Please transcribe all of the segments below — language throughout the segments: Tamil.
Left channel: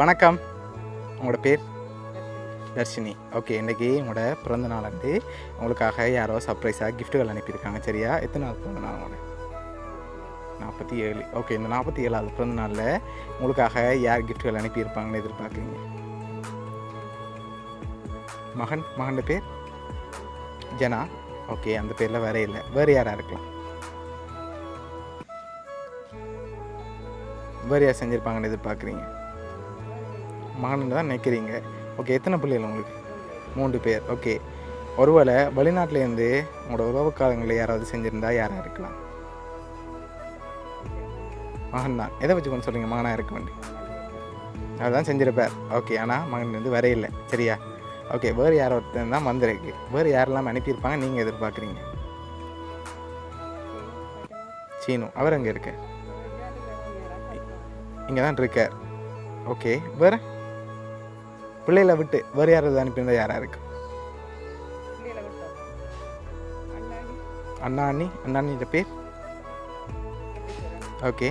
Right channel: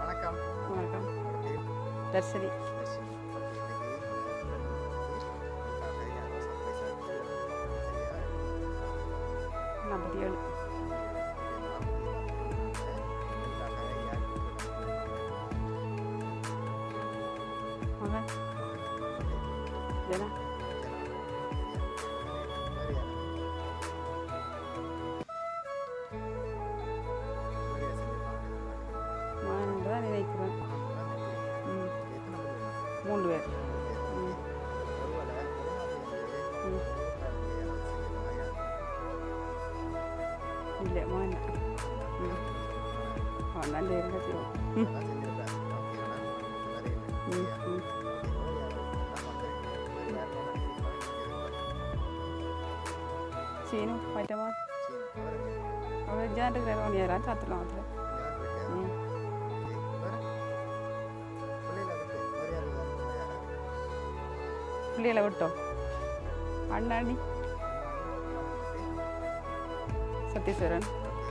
வணக்கம். வணக்கம். உங்களோட பேர்? தர்ஷினி. தர்ஷினி. ஓகே. இன்றைக்கி உங்களோட பிறந்த நாள் வந்து உங்களுக்காக யாரோ சர்ப்ரைஸாக கிஃப்ட்டுகள் அனுப்பியிருக்காங்க. சரியா? எத்தனை நாள் பிறந்த நாள் உங்களோட? 47. 47. ஓகே. இந்த 47வது பிறந்த நாளில் உங்களுக்காக யார் கிஃப்ட்டுகள் அனுப்பியிருப்பாங்கன்னு எதிர்பார்க்குறீங்க? மகன் பேர்? ஜனா. ஓகே. அந்த பேரில் வேற இல்லை. வேறு யாராக இருக்கலாம்? வேறு யார் செஞ்சுருப்பாங்கன்னு எதிர்பார்க்குறீங்க? மகன் தான் நினைக்கிறீங்க. ஓகே. எத்தனை பிள்ளைகள் உங்களுக்கு? 3 பேர். ஓகே. ஒருவேளை வெளிநாட்டிலேருந்து உங்களோட உறவுக்காரங்களில் யாராவது செஞ்சுருந்தா யாராக இருக்கலாம்? மகன் தான். எதை வச்சு கொண்டு சொல்கிறீங்க மகனாக இருக்க வேண்டிய? அதுதான் செஞ்சிருப்பார். ஓகே. ஆனால் மகன் வந்து வர இல்லை. சரியா? ஓகே. வேறு யார் ஒருத்தர் தான் வந்திருக்கு. வேறு யாரெல்லாம் அனுப்பியிருப்பாங்க நீங்கள் எதிர்பார்க்குறீங்க? சீனு. அவர் எங்கே இருக்கு? இங்கே தான் இருக்கார். ஓகே. வேறு பிள்ளைகளை விட்டு வேறு யாராவது அனுப்பியிருந்தா யாராக இருக்கு? பிள்ளைகளை விட்டோம். அண்ணாண்ணியோட பேர்? சத்யஸ்வரன். ஓகே.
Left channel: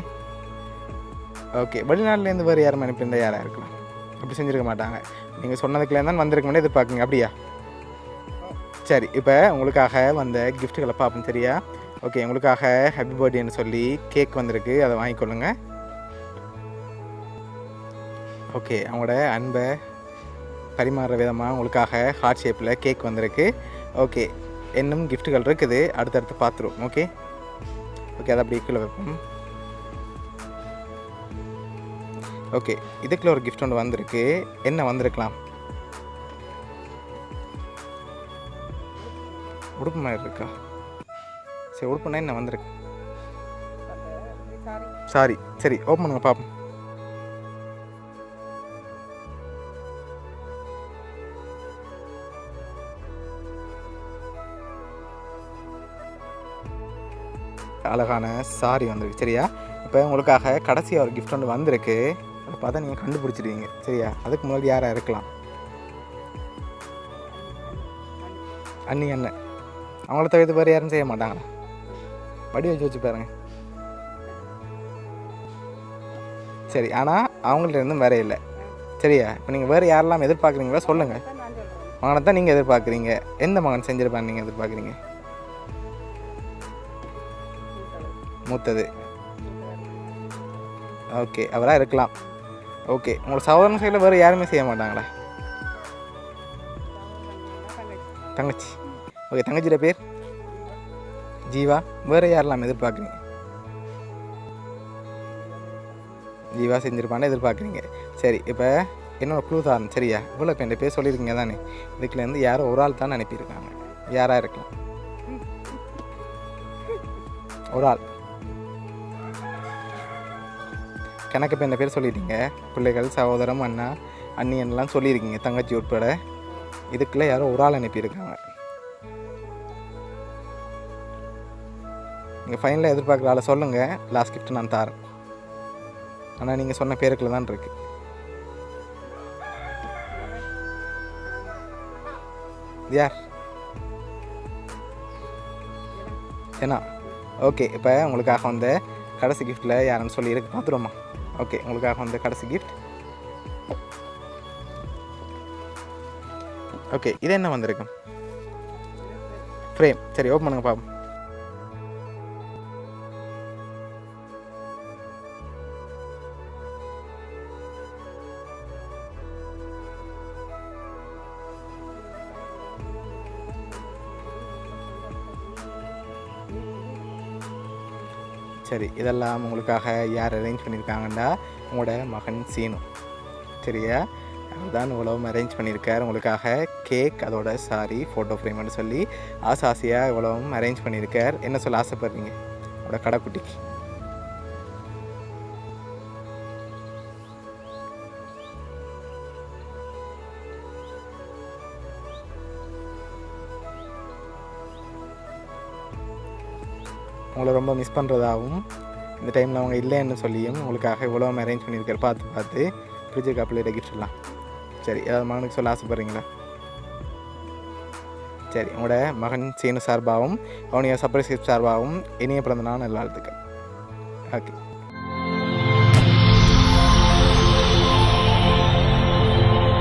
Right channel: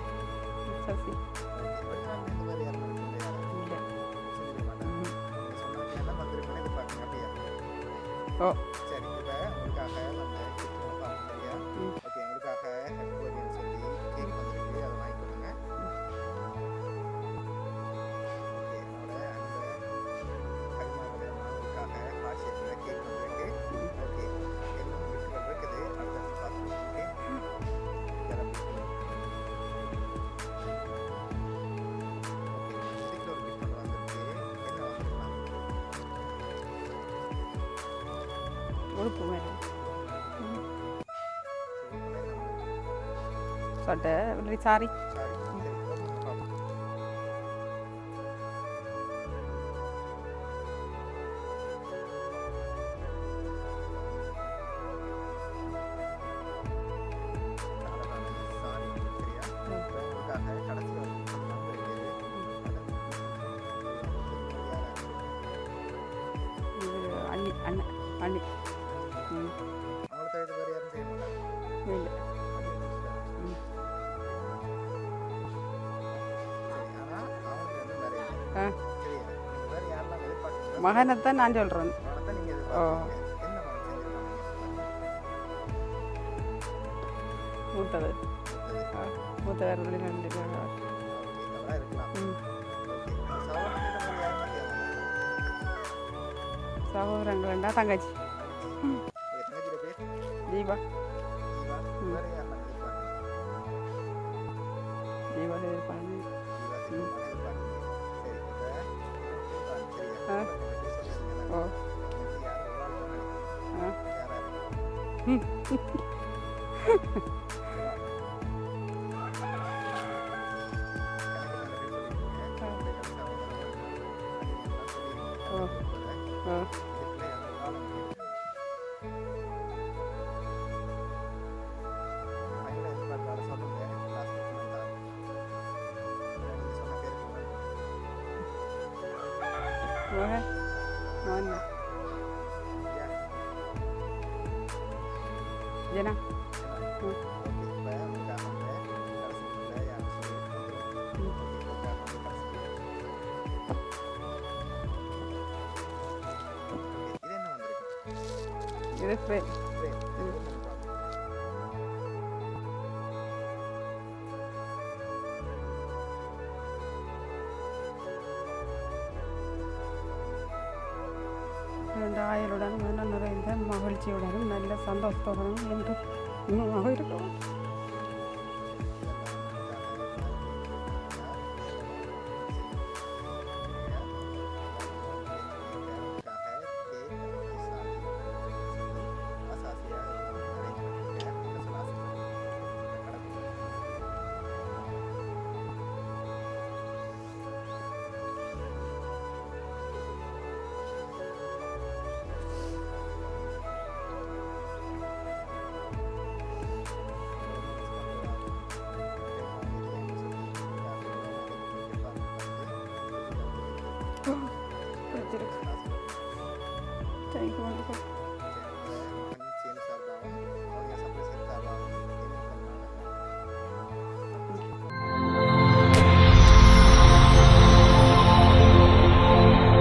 ஓகே. வெளிநாட்டிலேருந்து வேறு யாரும் அனுப்பியிருந்தா யாராக இருக்கலாம்? அப்படி செஞ்சுருக்க மாட்டாங்க. நீங்கள் சொன்னதுக்குள்ளே தான் வந்திருக்கோம்னே எதிர்பார்க்குங்க. அப்படியா? ஓ சரி. இப்போ உங்களுக்காக வந்த கிஃப்ட்டுகளை பார்ப்போம். சரியா? ஓகே. உங்களுக்காக ஹாப்பி பர்த்டேன்னு சொல்லி கேக் வந்திருக்கு. அதை வாங்கிக்கொள்ளுங்க. ஓகே. அவங்களோட அன்பை பரிமாறுற விதமாக உங்களுக்காக ஹார்ட் ஷேப்பில் கேக் வந்திருக்கு. ஓகே. இன்னும் கிஃப்ட்டுகள் இருக்குது. அடுத்தடுத்து பார்த்துருவோம். ஓகே. ஓகே. அதை அப்படி கீழே வைப்போம். ஓகே. இதுக்குள்ள ஒரு கிஃப்ட் ஒன்று வந்திருக்கு. என்ன வந்திருக்கலாம்? உடுப்பு மாதிரி இருக்கா? சரி. உடுப்புனா என்ன வந்திருக்கு? சாரி. சரி. ஓப்பன் பண்ணுங்க பார்ப்போம். அழகான சாரி வந்திருக்கு. சரியா? இப்போ உங்களுக்காக கடைசியாக ஒரு கிஃப்ட் ஒன்று வந்திருக்கு. அதை பார்த்தா நீங்கள் கண்டுபிடிச்சிடுவீங்க. சரியா? அதுக்கு முன்னாடி யாராக இருக்கலாம்? அண்ணன். அவங்கள தவிர்த்து வேறு யாரும் செய்ய மாட்டாங்களா? வடி வச்சு பாருங்க. சரி. ஆனால் அவங்கள்ட்ட இருந்தும் வேற இல்லை. சரியா? இப்போ நீங்கள் வேறு யாரெல்லாம் எதிர்பார்க்குறீங்களா சொல்லுங்கள். மகனை தான் நீங்கள் எதிர்பார்க்குறீங்க. எந்த மகன் செஞ்சிருப்பான்னு நீங்கள் எதிர்பார்க்குறீங்க? மூத்தது. ஓகே. அவராக இருக்கலாம். ஓகே. உங்களோட சகோதரன் சைடில் வேறு யாருமே செய்ய மாட்டாங்களா? தங்கச்சி. ஓகே. தங்கச்சியோட பேர்? ஜீவா. வேறு யாரெல்லாம் எதிர்பார்க்குறீங்க? ஜீவா செஞ்சிருப்பான்னு எதிர்பார்க்குறீங்க. சரி. இப்போ என்னோட க்ளூ தான். சரியா? இவ்வளோ என் பேர் சொல்லியிருக்கீங்க தானே? இதுக்குலேருந்து யாரோ ஒரு ஆள் தான் அனுப்பியிருக்காங்க. யாராக இருக்கலாம்? ஒரு ஆள். கணக்கு இப்போ இந்த பேர் சொல்லியிருக்கீங்க. பிள்ளைகள், சகோதரம், அண்ணா, அண்ணியன்லாம் சொல்லியிருக்கீங்க. தங்கச்சி உட்பட. இதுக்குள்ளே யாரோ ஒரு ஆள் அனுப்பியிருக்காங்க. நீங்கள் ஃபைனலாக எதிர்பார்க்குற ஆளை சொல்லுங்கள். லாஸ்ட் கிஃப்ட் நான் தரேன். ஆனால் நீங்கள் சொன்ன பேருக்குள்ள தான் இருக்கு. யார்? ஜனா. ஓகே. இப்போ உங்களுக்காக வந்த கடைசி கிஃப்ட்டில் யாருன்னு சொல்லி இருக்கு பார்த்துருவோமா? ஓகே. உங்களுக்காக வந்த கடைசி கிஃப்ட். ஓகே. இது என்ன வந்திருக்கும்? ஃப்ரேம். சரி. ஓப்பன் பண்ணுங்க பாப்போம். ஆயுளுடன் நிறைந்த மகிழ்ச்சியுடனும் நல்ல சந்தோஷத்துடனும் என்றும் இன்னுமாக இருக்கும். சரி. இதெல்லாம் உங்களுக்காக யார் அரேஞ்ச் பண்ணியிருக்காங்கன்னா உங்களோட மகன் சீனு. சரியா? அதுதான் இவ்வளவும் அரேஞ்ச் பண்ணியிருக்கார் உங்களுக்காக. கேக், அதோட சாரி, ஃபோட்டோ ஃப்ரேம்னு சொல்லி ஆசையாக இவ்வளவும் அரேஞ்ச் பண்ணியிருக்கார். என்ன சொல்ல ஆசைப்படுறீங்க உங்களோட கடைக்குட்டிக்கு? உங்களை ரொம்ப மிஸ் பண்ணுறதாகவும் இந்த டைமில் அவங்க இல்லைன்னு சொல்லியும் உங்களுக்காக இவ்வளோ அரேஞ்ச் பண்ணியிருக்காரு. பார்த்து பிடிச்சிருக்கா பிள்ளைகிட்ட கிஃப்ட்லாம்? சரி. ஏதாவது மகனுக்கு சொல்ல ஆசைப்பட்றீங்களா? சரி. உங்களோட மகன் சீனு சார்பாகவும் அவனுடைய சர்ப்ரைஸ் கிஃப்ட் சார்பாகவும் இனிய பிறந்த நாள் நல்வாழ்த்துக்கள். ஓகே.